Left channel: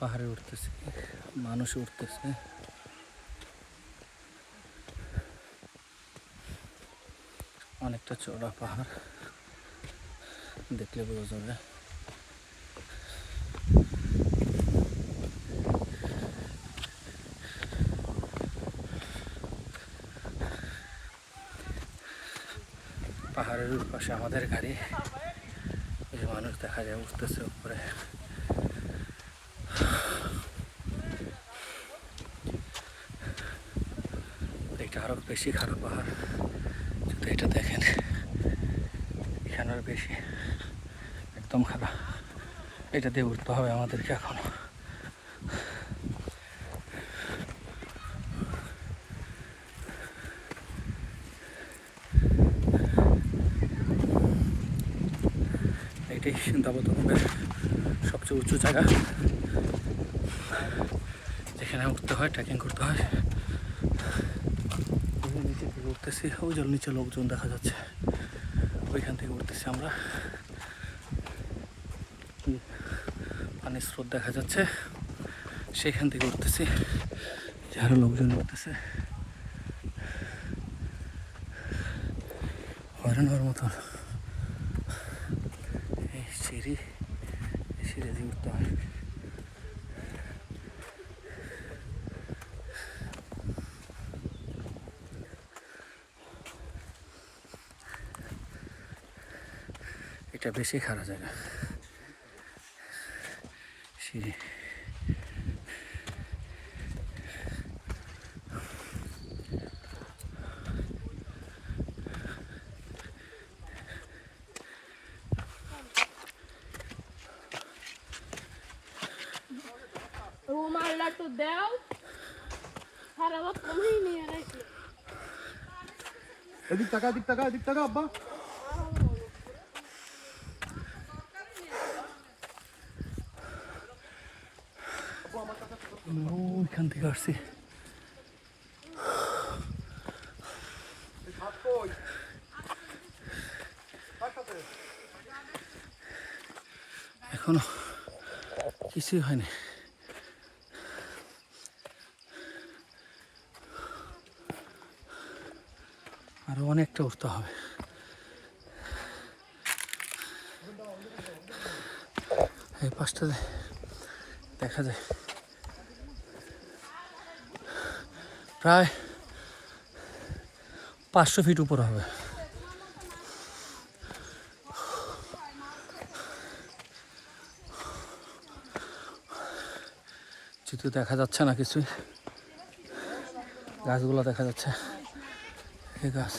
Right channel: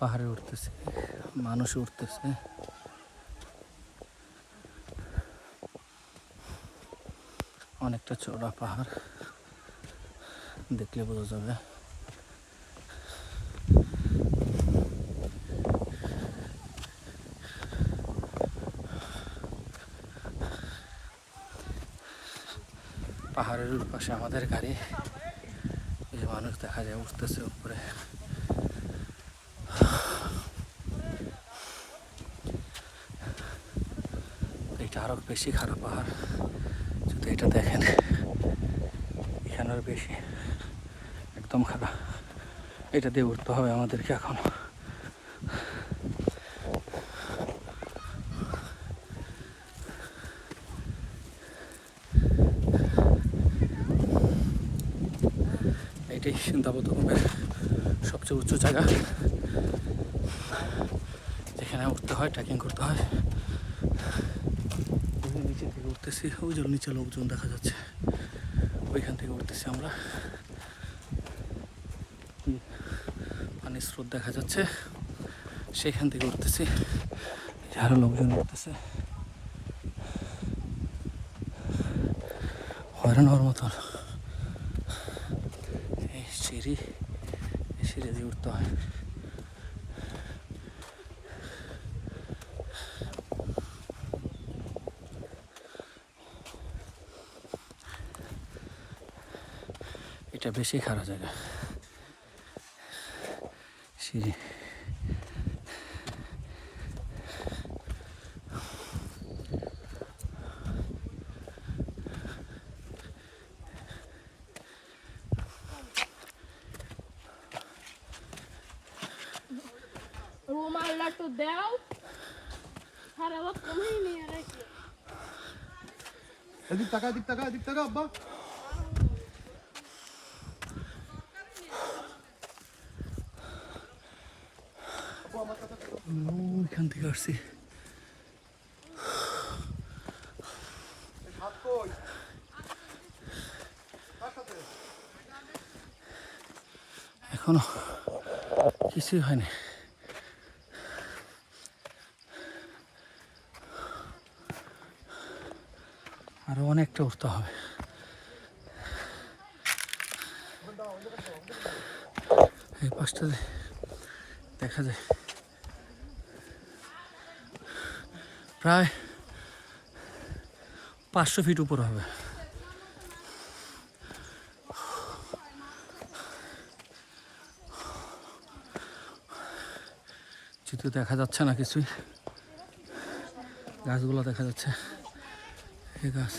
পাহাড়ে উঠতেছে, মানুষ উঠতেছে। অনেকটা চওড়া পাহাড়, দেখলে বোঝা যাবে। পাহাড়ের পাশে আমাদের গাড়ি, এই মানুষ দেখা যায় উঠতেছে উপরে। এটা আরো বেশি খারাপ পাহাড়, শুধু এটা দেখেন, এখানের বেশি একদম খারাপ। এটা দিয়ে উঠতে হবে আমাদেরকে এখন। এটাই সিন্দাবতমের সবচেয়ে উঁচু জায়গা, যেখানে উঠতে হয়, ট্রেকিং করতে হয়। নিচে থেকে উঠতেছি, ওই জল নিচে লোকজন দেখা যাচ্ছে, ওইখান থেকে উঠতেছি আমরা। পানির স্রোত দেখা যাচ্ছে, সেখান থেকে উঠতেছি। আরো লোকজন উঠতেছে, হয়রান হওয়ার মতন। এই সিঁড়ি দিয়ে উঠতে হয়। এটা বেশি খারাপ জায়গা, সিঁড়ি। রুমালটা তো দাও, সারা রাত কমেই নিয়ে রাখি। এদিক টাকা আব্বা। ওইখান থেকে আসছি। এখনো কিছুই হয়নি। আরো অনেকটা উঠতে হবে। এই পাশটা দেখা যায় প্রায় 500 ফিট উপর হবে। যেহেতু দেখা যাচ্ছে না কিছুই, গাছগুলো দেখা যাচ্ছে, এই গাছ।